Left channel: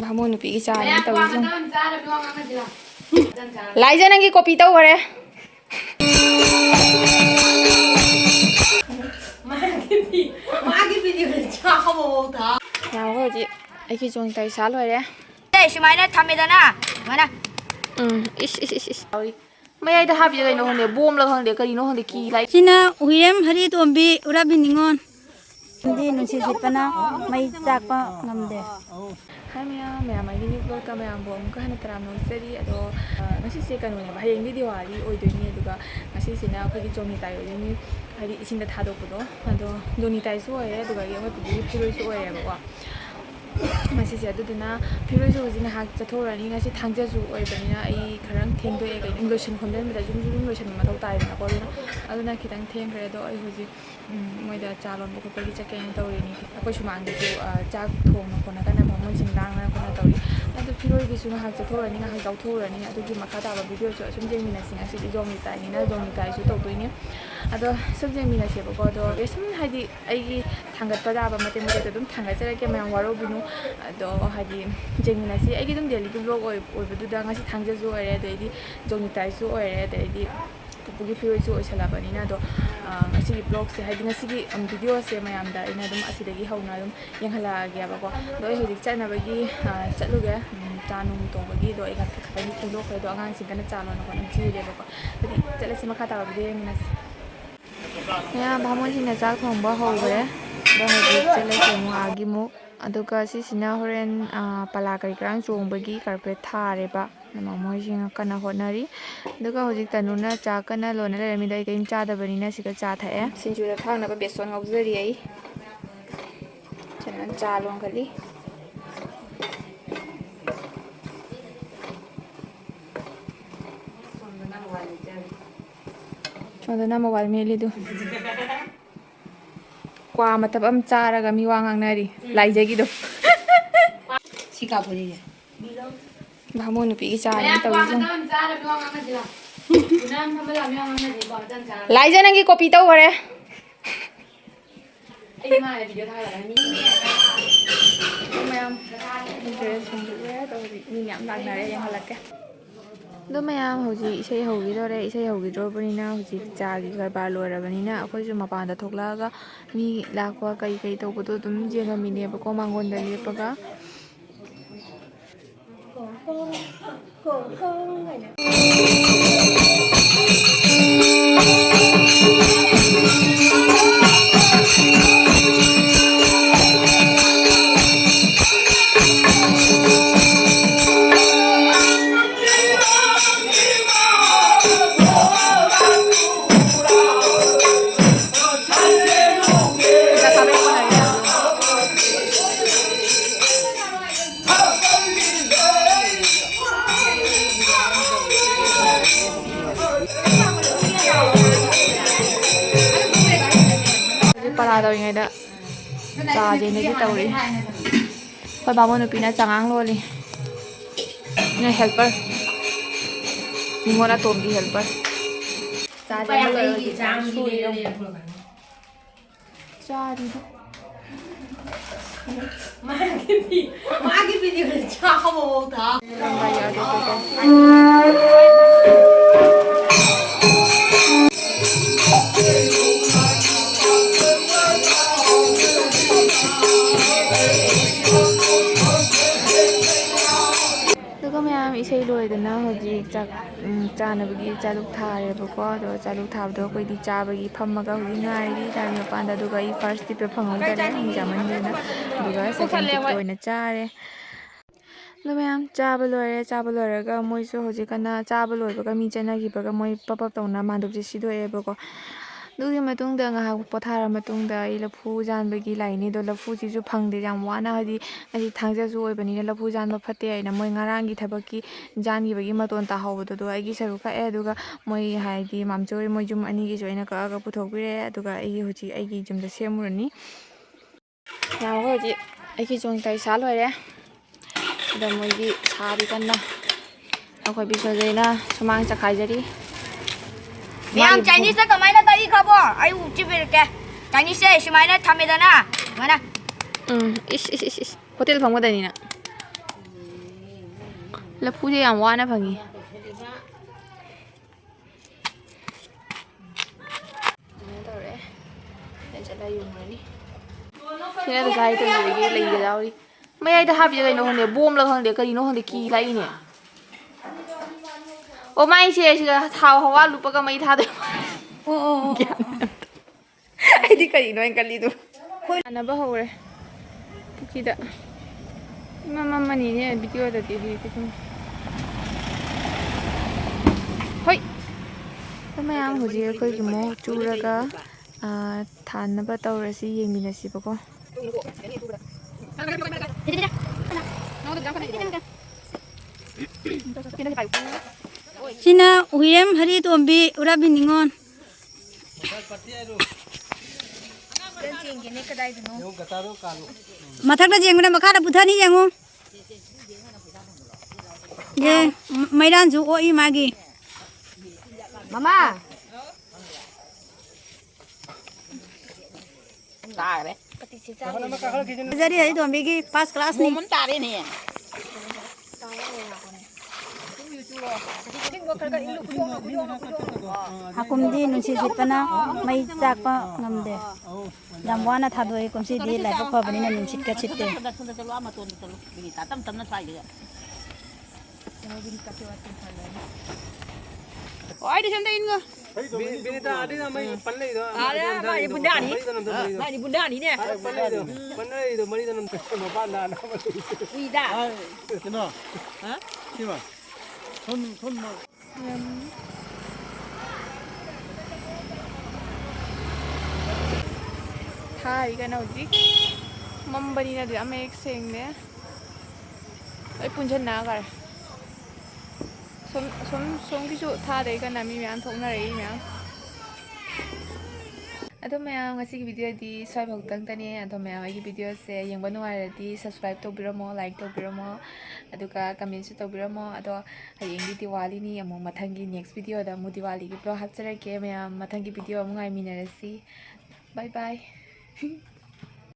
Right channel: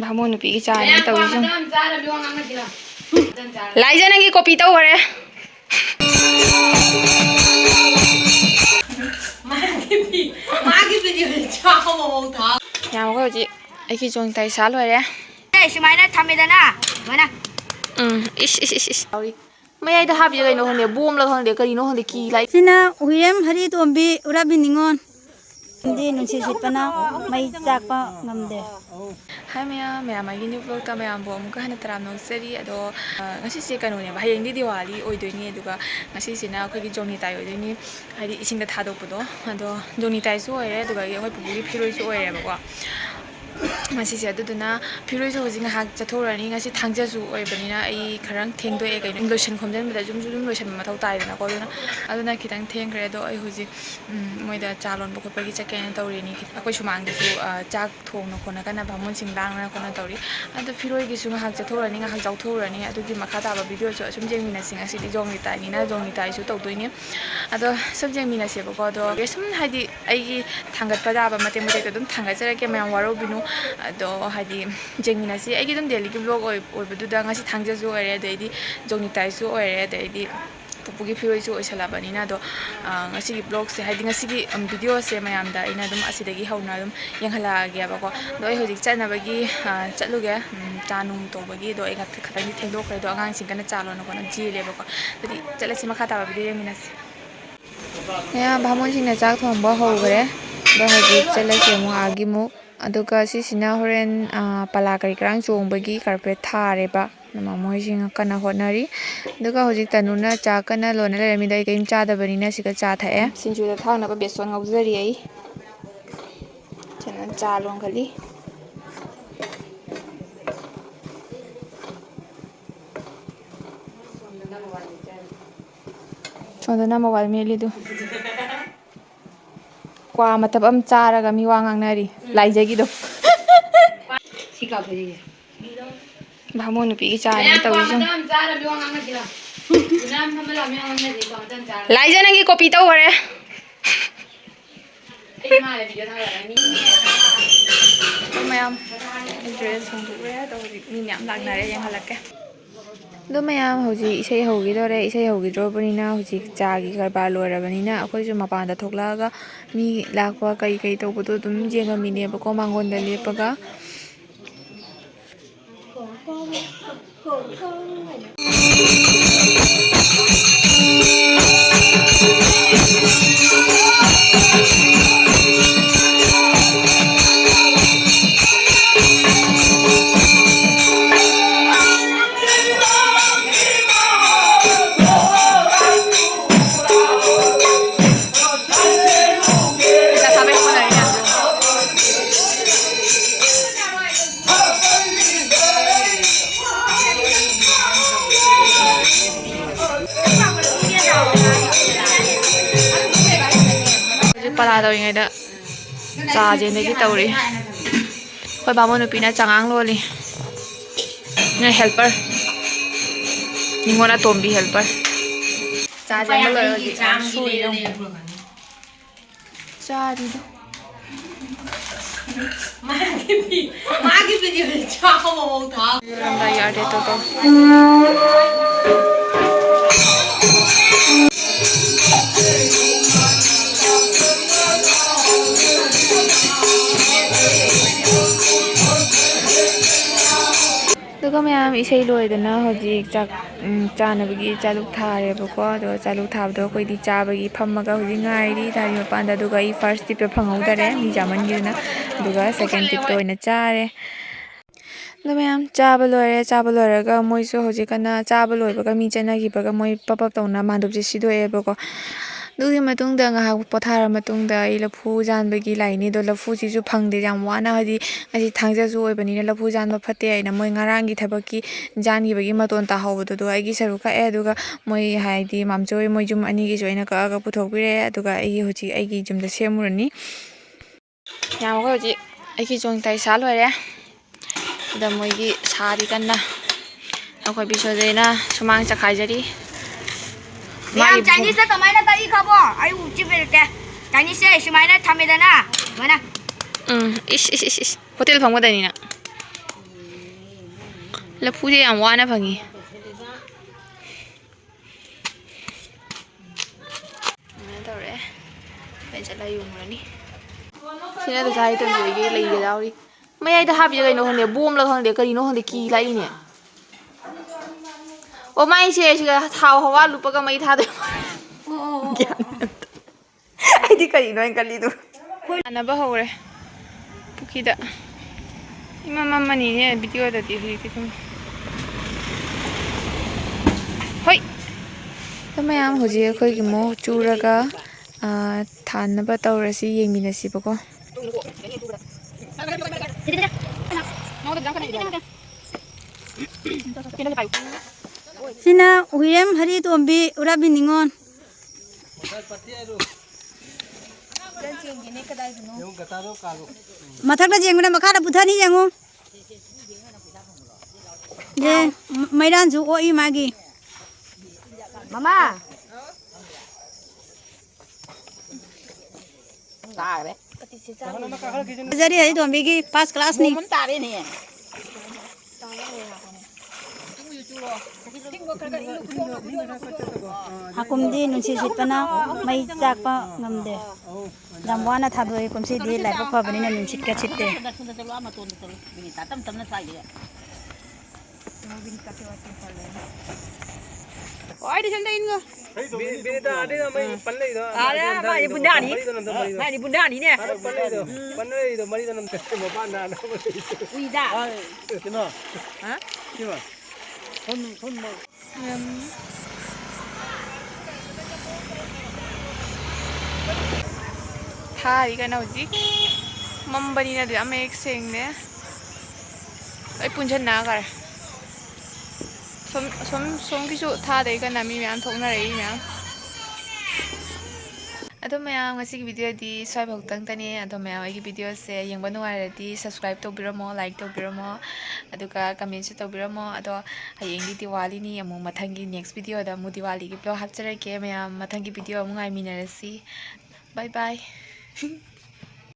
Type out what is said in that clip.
ꯚꯥꯃꯣꯟ ꯅꯨꯄꯤꯒꯤ ꯆꯥꯅꯤ ꯇꯧꯔꯤꯁꯨ ꯂꯥꯏꯖ ꯅꯪꯒꯤ ꯀꯣꯄꯤ ꯇꯧꯈꯔꯦ ꯌꯥꯝ ꯍꯧꯖꯤꯛ ꯑꯩꯒꯤ ꯖꯣꯡꯇꯥꯏ ꯁꯥ ꯂꯣꯏꯔꯦ ꯁꯨꯃꯥꯏꯅ ꯊꯝꯃꯦꯗꯅ ꯁꯨꯃꯥꯏꯅ ꯏꯁ ꯃꯌꯥꯏꯗ ꯍꯥꯞꯄꯤꯁꯦ ꯀꯩꯅꯣ ꯈꯪꯗꯦ ꯕꯣꯝꯂ ꯈꯪꯗꯦ ꯀꯔꯤꯅꯣ ꯈꯪꯗꯦ ꯀꯤ ꯂꯥꯏ ꯁꯤꯅ ꯎꯌꯦꯝ ꯍꯔꯤꯇꯣꯝꯕꯤ ꯎꯔꯥꯕꯤ ꯅꯤꯉꯣꯟ ꯅꯨꯡꯁꯤꯠ ꯁꯤꯠꯄꯅ ꯃꯩ ꯆꯥꯛꯄ ꯉꯝꯗꯦ ꯍꯥꯏ ꯃꯌꯥꯝ ꯑꯩꯒꯤ ꯅ꯭ꯌꯨ ꯕ꯭ꯂꯣꯛꯇ ꯃꯌꯥꯝꯕꯨ ꯑꯃꯨꯛꯀ ꯍꯟꯅ ꯇꯔꯥꯝꯅ ꯑꯣꯛꯆꯔꯤ ꯑꯗꯣ ꯉꯁꯤꯁꯦ ꯀꯩꯅꯣꯅꯦꯕ ꯍꯌꯦꯡꯗꯤ ꯗꯤꯋꯥꯂꯤ ꯑꯣꯏꯗꯣꯏꯅꯤ ꯑꯗꯨꯒ ꯉꯁꯤꯁꯤꯅ ꯑꯩꯈꯣꯏꯒꯤ ꯖꯣꯡꯅꯤꯇꯥꯏ ꯑꯣꯏꯗꯣꯏꯅꯤ ꯍꯥꯏꯗꯤ ꯏꯁꯤꯡꯗ ꯊꯥꯗꯣꯛꯄꯗꯣ ꯑꯗꯣ ꯖꯣꯡꯅꯤꯇꯥꯏꯁꯨ ꯑꯣꯏꯔꯦ ꯑꯗꯨꯒ ꯑꯩꯈꯣꯏ ꯄꯨꯄꯨꯒꯤ ꯐꯤꯔꯣꯏꯁꯨ ꯑꯣꯏꯔꯦꯕꯀꯣ ꯉꯁꯤꯁꯦ ꯑꯗꯨꯗꯨꯅ ꯐꯤꯔꯣꯏꯁꯨ ꯍꯧꯖꯤꯛ ꯉꯥꯏꯍꯥꯛ ꯆꯠꯊꯣꯛꯎꯔꯅꯤ ꯉꯁꯤ ꯊꯥꯡꯖꯁꯨ ꯑꯣꯏꯕꯅꯤꯅ ꯑꯩ ꯈꯔ ꯊꯦꯡꯗꯣꯛꯑꯦ ꯀꯩꯅꯣ ꯂꯣꯏꯁꯟ ꯈꯣꯝꯖꯤꯟꯕꯗ ꯁꯨꯝ ꯂꯣꯏꯁꯟꯕ ꯃꯊꯧ ꯇꯥꯏꯗꯅꯀꯣ ꯑꯗꯨꯅ ꯈꯤꯇꯪ ꯊꯦꯡꯈ꯭ꯔꯦ ꯑꯗꯣ ꯑꯩ ꯍꯧꯖꯤꯛ ꯃꯣꯏꯗ ꯆꯥ ꯂꯣꯟꯕ ꯈꯣꯠꯄꯒꯤ ꯆꯠꯀꯦꯅ ꯇꯧꯔꯤꯅꯤ ꯑꯩꯈꯣꯏ ꯁꯨꯃꯥꯡꯗꯁꯨ ꯆꯥꯛ ꯊꯣꯡꯅ ꯈꯣꯠꯅꯀꯟꯅ ꯚꯥꯃꯣꯟꯁꯤꯡ ꯂꯥꯡꯅ ꯈꯣꯠꯅ ꯇꯧꯔꯤ ꯑꯗꯣ ꯐꯤꯔꯣꯏꯒꯤꯁꯨ ꯉꯥꯏꯍꯥꯛ ꯆꯠꯊꯣꯛꯎꯔꯅꯤ ꯉꯥꯏꯍꯥꯛ ꯆꯥꯎꯊꯣꯛꯎꯔꯅꯤ ꯑꯗꯨꯒꯤ ꯃꯈꯥ ꯇꯥꯕ ꯚꯤꯗꯤꯑꯣꯁꯨ ꯑꯁꯨꯝ ꯌꯦꯡꯃꯤꯟꯅꯁꯤ ꯉꯁꯤꯗꯤ ꯖꯣꯡꯅꯤꯇꯥꯏꯅꯤꯅ ꯖꯣꯡꯅꯤꯇꯥꯏꯁꯨ ꯇꯧꯗꯣꯏꯅꯤ ꯑꯗꯣ ꯁꯨꯝ ꯌꯦꯡꯃꯤꯟꯅꯁꯦꯕꯀꯣ ꯑꯗꯣ ꯁꯨꯝ ꯍꯥꯏꯗꯤ ꯑꯩꯒꯤ ꯊꯥꯡꯒꯠꯄ ꯌꯥꯕ ꯃꯇꯦꯛ ꯃꯇꯦꯛꯇꯣ ꯑꯗꯨꯝ ꯊꯥꯡꯒꯠꯆꯔꯛꯀꯦ ꯃꯌꯥꯝ ꯋꯥꯔꯧꯕꯤꯅꯨ ꯑꯗꯣ ꯍꯥꯏꯗꯤ ꯌꯦꯡꯃꯤꯟꯅꯁꯤ ꯑꯩꯒꯤ ꯑꯗꯨꯝ ꯗꯦꯂꯤꯒꯤ ꯕ꯭ꯂꯣꯛ ꯑꯣꯏꯕꯗꯨꯗꯉꯁꯤ ꯊꯥꯡꯖꯁꯨ ꯑꯣꯏꯔꯦ ꯑꯗꯩꯗꯤ ꯖꯣꯡꯅꯤꯇꯥꯏꯁꯨ ꯑꯣꯏꯔꯦ ꯑꯗꯩꯗꯤ ꯄꯨꯄꯨꯒꯤ ꯐꯤꯔꯣꯏꯁꯨ ꯑꯣꯏꯁꯜꯂꯕꯅꯤꯅ ꯑꯗꯣ ꯉꯁꯤꯒꯤ ꯕ꯭ꯂꯣꯛꯁꯦ ꯍꯥꯏꯗꯤ ꯉꯁꯤꯒꯤ ꯚꯤꯗꯤꯑꯣꯁꯦ ꯃꯌꯥꯝꯗ ꯑꯩꯅ ꯑꯗꯨꯝ ꯑꯁꯤꯗꯒꯤ ꯍꯧꯅ ꯑꯗꯨꯝ ꯌꯦꯡꯍꯜꯂꯛꯑꯒꯦꯕꯀꯣ ꯑꯗꯣ ꯑꯩ ꯍꯧꯖꯤꯛ ꯆꯠꯅꯕꯒꯤ ꯆꯠꯂꯨꯒꯦ ꯆꯥ ꯅꯨꯡ ꯇꯧꯕꯒꯤ ꯑꯗꯣ ꯑꯩ ꯈꯛꯇꯪꯗꯤ ꯊꯦꯡꯗꯣꯛꯈ꯭ꯔꯦ ꯑꯗꯣ ꯑꯉꯥꯡꯁꯤꯡ ꯀꯟꯅ ꯆꯥ ꯂꯣꯟꯅ ꯈꯣꯠꯅ ꯆꯦꯜꯂꯦꯕꯀꯣ ꯑꯗꯨꯗꯤ ꯆꯠꯂꯁꯤ ꯃꯈꯥ ꯇꯥꯕ ꯚꯤꯗꯤꯑꯣ ꯌꯦꯡꯃꯤꯟꯅꯁꯤ ꯃꯌꯥꯝ ꯚꯥꯃꯣꯟꯁꯤꯡꯅ ꯆꯥꯛ ꯊꯣꯡꯕ ꯍꯧꯈ꯭ꯔꯦ ꯑꯗꯣ ꯍꯧꯖꯤꯛ ꯆꯠꯂꯁꯤ ꯑꯃꯨꯛ ꯑꯥꯒꯤꯃꯨꯛ ꯑꯗꯨꯒ ꯁꯤꯁꯤꯅ ꯍꯣꯔꯦꯟ ꯄꯂꯥ ꯀꯔꯤ ꯀꯔꯥꯡ ꯆꯣꯡꯕꯒꯤ ꯀꯥꯔꯄꯦꯠ ꯊꯥꯔꯦꯕ ꯃꯣꯏꯁꯤꯡ ꯀꯟꯅ ꯍꯣꯠꯅꯔꯤ ꯑꯗꯨꯒ ꯍꯧꯖꯤꯛ ꯇꯅꯨꯅ ꯆꯥ ꯀꯟꯅ ꯂꯣꯟꯅ ꯂꯩꯔꯝꯃꯤꯗ ꯑꯩ ꯀꯔꯤꯝ ꯆꯥꯗꯕꯅꯤꯅ ꯁꯤꯗ ꯆꯥ ꯊꯛꯑꯦ ꯁꯤꯡꯖꯨꯗ ꯊꯥꯛꯅꯕ ꯕꯦꯁꯣꯟ ꯉꯧꯖꯔꯤ ꯑꯩ ꯆꯥ ꯂꯣꯟꯈꯠꯂꯤ ꯁꯣꯝꯗꯅ ꯃꯣꯕꯥꯏꯜ ꯃꯦꯠꯂꯤꯗꯨ ꯀ꯭ꯋꯥ ꯃꯇꯞ ꯑꯃ ꯆꯥꯔꯒ ꯃꯤ ꯋꯥ ꯉꯥꯡꯅꯔꯤ ꯂꯥꯏꯖꯒꯤꯗꯣ ꯚꯥꯃꯣꯟ ꯅꯨꯄꯤꯒꯤ ꯆꯥꯅꯤ ꯇꯧꯔꯤꯁꯨ ꯂꯥꯏꯖ ꯅꯪꯒꯤ ꯀꯣꯄꯤ ꯇꯧꯈꯔꯦ ꯃꯌꯥꯝ ꯗ꯭ꯔꯦꯁ ꯍꯣꯡꯗꯣꯛꯂꯦ ꯑꯗꯣ ꯍꯧꯖꯤꯛ ꯃꯤ ꯃꯌꯥꯝ ꯂꯥꯛꯅꯔꯦ ꯌꯦꯡꯍꯜꯂꯛꯀꯦ ꯑꯗꯣ ꯃꯌꯥꯝ ꯍꯧꯖꯤꯛ ꯏꯁꯩ ꯍꯧꯈꯤꯗꯣꯔꯦ ꯏꯁꯩ ꯍꯧꯈꯤꯗ꯭ꯔꯕꯅꯤꯅ ꯍꯧꯖꯤꯛ ꯆꯥꯒꯤ ꯀꯔꯕꯥꯔ ꯂꯣꯏꯔꯕꯅꯤ나 ꯑꯩꯈꯣꯏꯁꯨ ꯃꯄꯥꯟꯗ ꯊꯣꯛꯂꯛꯑꯒ ꯃꯤ ꯂꯥꯛꯄ ꯀꯩ ꯇꯧꯕꯗꯣ ꯑꯗꯨꯝ ꯌꯦꯡꯉꯝꯃꯤꯅꯦꯕꯀꯣ ꯃꯥꯡꯒꯣꯟꯗ ꯂꯦꯞꯄꯒ ꯄꯂꯥ ꯇꯧꯔꯤꯉꯩꯗ ꯆꯥꯖꯦꯟꯗꯒꯤ ꯇꯧꯔꯤ ꯑꯩꯈꯣꯏ ꯚꯥꯃꯣꯟ ꯅꯨꯄꯤꯅ ꯆꯉꯥꯡ ꯂꯣꯜꯂꯤ ꯅꯣꯏ ꯍꯦꯜꯄꯔ ꯅꯤꯉꯣꯜ ꯑꯇꯣꯝꯕꯤ ꯍꯦꯜꯄꯔ ꯆꯥꯖꯦꯟꯕ ꯂꯣꯏꯔ ꯍꯧꯖꯤꯛ ꯁꯨꯔꯤꯅ ꯆꯥꯔꯤꯗ ꯌꯥꯔꯦ ꯇꯣ ꯑꯗꯨꯒ ꯃꯌꯥꯝ ꯏꯁꯩ ꯂꯣꯏꯗꯅ ꯍꯧꯖꯤꯛ ꯆꯥꯅꯕꯒꯤ ꯆꯥꯂꯨꯛ ꯊꯥꯔꯦꯕꯀꯣ ꯑꯗꯨꯒ ꯆꯥꯂꯨꯛ ꯊꯥꯕꯗꯣ ꯑꯩꯈꯣꯏꯗꯤ ꯆꯥꯕꯒꯤ ꯐꯝꯃꯒ ꯍꯧꯖꯤꯛ ꯉꯥꯏꯔꯤ ꯗꯥꯏꯔꯤ ꯃꯄꯥꯟꯗ ꯑꯗꯨꯒ ꯑꯩ ꯐꯥꯔꯁ ꯇꯤꯞꯇꯣ ꯐꯪꯍꯧꯗꯔꯦ ꯃꯤ ꯆꯥꯃꯟꯈꯤꯗꯅ ꯑꯗꯨꯒ ꯁꯦꯀꯦꯟ ꯇꯤꯞꯇꯣ ꯑꯣꯏꯅ ꯆꯥꯔꯦ ꯑꯗꯣ ꯃꯌꯥꯝ ꯆꯥꯕ ꯂꯣꯏꯔꯦ ꯆꯥꯕ ꯂꯣꯏꯔꯒ ꯃꯣꯏꯁꯨ ꯍꯧꯖꯤꯛꯀꯟꯅ ꯆꯥꯕ ꯂꯣꯏꯕꯒ ꯃꯤ ꯆꯠꯅꯈꯤꯕꯒ ꯃꯣꯏ ꯄꯞ ꯇꯧꯅ ꯃꯥꯟꯗꯨꯞꯁꯦ ꯁꯤꯗꯣꯛꯑꯦꯕꯀꯣ ꯑꯗꯨꯒꯤ ꯃꯇꯨꯡꯗ ꯉꯥꯏꯍꯥꯛ ꯄꯣꯊꯥꯔ ꯃꯇꯨꯡꯗ ꯑꯩ ꯂꯐꯨ ꯖꯥꯟꯕꯒꯤ ꯂꯥꯛꯏꯅꯤ ꯑꯗꯣ ꯂꯐꯨꯁꯤꯁꯨ ꯐꯪꯗꯦ ꯌꯥꯝ ꯋꯥꯅ ꯍꯥꯏꯗꯤ ꯉꯁꯤ ꯊꯥꯡꯖꯁꯨ ꯑꯣꯏꯕꯅꯤꯅ ꯂꯐꯨ ꯖꯥꯟꯕ ꯐꯠꯇꯦ ꯍꯥꯏꯅ ꯃꯣꯏ ꯉꯔꯥꯡꯒꯤ ꯊꯕꯛꯀꯤ ꯖꯥꯟꯈꯤꯕꯒꯤ ꯃꯇꯣꯟ ꯇꯥꯍꯧꯕꯗꯨꯗꯣ ꯑꯩꯒꯤ ꯁꯔꯨꯛ ꯀꯛꯑꯦ ꯑꯗꯨꯒ ꯃꯣꯏ ꯍꯥꯏꯗꯤ ꯃꯥꯝꯆꯣꯏ ꯃꯣꯏ ꯌꯨꯝ ꯑꯅꯤꯒꯤꯁꯨ ꯑꯩꯅ ꯀꯛꯑꯒ ꯄꯨꯊꯣꯛꯄꯤꯔꯛꯑꯦ ꯑꯗꯨꯒ ꯑꯩꯒꯤ ꯍꯧꯖꯤꯛ ꯑꯩꯒꯤ ꯌꯨꯝꯗ ꯁꯦꯝꯃꯨꯔꯅꯤ ꯌꯥꯝꯃꯒ ꯍꯧꯖꯤꯛ ꯑꯩꯒꯤ ꯖꯣꯡꯇꯥꯏ ꯁꯥ ꯂꯣꯏꯔꯦ ꯑꯗ ꯃꯣꯏꯒꯤ ꯁꯥꯔꯤ ꯀꯟꯅ ꯑꯩꯈꯣꯏ ꯕꯤꯁꯣꯖꯩꯅ ꯁꯨꯃꯥꯡ ꯆꯈꯥꯏꯖꯔꯤ ꯃꯌꯥꯝ ꯆꯥꯏꯅꯤꯁꯇ ꯀꯃꯥꯏꯅ ꯇꯧꯏ ꯈꯕꯣ ꯑꯩ ꯎꯆꯤꯕꯤꯔꯛꯀꯦ ꯆꯥꯏꯅꯤꯁꯁꯦ ꯁꯨꯃꯥꯏꯅ ꯊꯝꯃꯦꯗꯅ ꯁꯨꯃꯥꯏꯅ ꯏꯁ ꯍꯣꯇꯦꯜ ꯐꯪꯒꯗꯣꯏꯅꯤꯅ ꯂꯐꯨꯁꯦ ꯌꯥꯝ ꯋꯥꯅ ꯐꯪꯉꯤ ꯑꯗꯨꯃꯥꯏꯅ ꯇꯧꯔꯦ ꯑꯩ ꯆꯠꯂ ꯌꯨꯡꯉꯨꯔꯅꯤ ꯁꯤꯅ ꯆꯥꯏ ꯇꯣꯟꯕꯤꯒꯤ ꯂꯩꯒꯗꯧꯔꯤ ꯃꯌꯥꯏꯗ ꯍꯥꯞꯄꯤꯁꯦ ꯀꯩꯅꯣ ꯈꯪꯗꯦ ꯕꯣꯝꯂ ꯈꯪꯗꯦ ꯀꯔꯤꯅꯣ ꯈꯪꯗꯦ ꯀꯤ ꯂꯥꯛꯏꯅꯦ ꯑꯣ ꯃꯥꯏꯁꯦ ꯁꯤꯗ ꯊꯥꯎ ꯍꯋꯥ ꯂꯨꯞꯄꯒ ꯃꯩ ꯊꯥꯗꯣꯏ ꯑꯩꯗꯤ ꯀꯔꯤꯅꯣ ꯑꯩꯅ ꯀꯜꯂꯤꯗꯣ ꯁꯥꯟꯅꯕ ꯍꯧꯔꯦ ꯄꯨꯈ꯭ꯔꯤꯗ ꯏꯃꯝꯃꯅꯤꯅꯦ ꯚꯤꯗꯤꯑꯣꯗꯗꯤ ꯍꯧꯖꯤꯛꯇꯤ ꯑꯗꯨꯝ ꯍꯣꯏ ꯃꯌꯥꯝ ꯍꯧꯖꯤꯛ ꯑꯩꯈꯣꯏꯒꯤ ꯃꯨꯛ ꯆꯨꯔꯒ ꯊꯥꯅꯕ ꯇꯧꯔꯁꯤ ꯌꯦꯡꯃꯤꯟꯅꯁꯤꯕꯀꯣ ꯁꯤꯅ ꯎꯌꯦꯝ ꯍꯔꯤꯇꯣꯝꯕꯤ ꯎꯔꯥꯕꯤ ꯅꯤꯉꯣꯟ ꯃꯊꯛꯇ ꯌꯦꯡꯕꯅ ꯃꯈꯥꯗ ꯄꯨꯊꯅꯤ ꯌꯦꯡꯉꯨ ꯌꯦ ꯃꯩꯔꯥꯟꯁꯨ ꯑꯣꯛꯏ ꯃꯥꯒꯤ ꯃꯃꯥ ꯇꯥꯔꯦ ꯖꯔꯤ ꯍꯔꯤꯇꯣꯝꯕꯤꯒꯤ ꯐꯥꯔꯁ ꯀ꯭ꯂꯥꯁꯅꯤ ꯇꯥꯔꯦꯅꯦ ꯍꯥꯀꯨꯝꯗꯤ ꯅꯨꯡꯁꯤꯠ ꯁꯤꯠꯄꯅ ꯃꯩ ꯆꯥꯛꯄ ꯉꯝꯗꯦ ꯌꯥꯝ ꯋꯥꯅ ꯊꯥꯗꯣꯛꯏ ꯀꯨꯝꯁꯤꯗꯤ ꯂꯥꯏꯕꯛ ꯐꯕꯅꯤꯅ ꯅꯨꯡꯁꯤꯠꯀ ꯁꯤꯠꯇꯦ ꯊꯥꯔꯤ ꯀꯩꯅꯣ ꯍꯧꯖꯤꯛ ꯃꯝꯕꯅꯤꯅ ꯑꯗꯨ ꯌꯥꯝ ꯃꯌꯦꯛ ꯁꯦꯡꯅꯦ ꯑꯩ ꯄꯨꯟꯁꯤꯟꯅꯈꯔꯦ ꯁꯣꯝꯒꯤꯁꯨ ꯊꯥꯗꯩ ꯀꯅ ꯃꯤ ꯃꯌꯥꯝ ꯊꯣꯛꯅꯔꯛꯏ ꯃꯌꯥꯝ ꯑꯗꯣ ꯃꯌꯥꯝ ꯉꯁꯤꯒꯤ ꯚꯤꯗꯤꯑꯣꯗꯤ ꯁ꯭ꯋꯥꯏꯐꯥꯎꯇꯪꯇꯅꯦ ꯑꯗꯣ ꯃꯌꯥꯝ ꯑꯩꯒꯤ ꯚꯤꯗꯤꯑꯣꯁꯦ ꯌꯦꯡꯕ ꯅꯨꯡꯉꯥꯏꯔꯗꯤ ꯁꯕꯁꯀ꯭ꯔꯥꯏꯕ ꯇꯧꯕꯤꯔꯝꯃꯣ ꯂꯥꯏꯛ ꯇꯧꯕꯤꯔꯝꯃꯣ ꯑꯗꯨꯒ ꯀꯃꯦꯟꯁꯨ ꯇꯧꯕꯤꯔꯝꯃꯣ ꯑꯗꯣ ꯍꯌꯦꯡꯗꯤ ꯗꯤꯋꯥꯂꯤꯅꯤ ꯑꯃꯨꯛ ꯃꯊꯪꯒꯤ ꯅꯦꯛꯁ ꯚꯤꯗꯤꯑꯣꯗ ꯑꯃꯨꯛ ꯗꯤꯋꯥꯂꯤꯒꯤ ꯕ꯭ꯂꯣꯛ ꯍꯥꯞꯆꯔꯛꯀꯦ ꯃꯌꯥꯝ ꯃꯊꯪꯒꯤ ꯚꯤꯗꯤꯑꯣ ꯑꯃꯨꯛ ꯉꯥꯏꯃꯤꯟꯅꯔꯁꯤ ꯕꯥꯏ ꯕꯥꯏ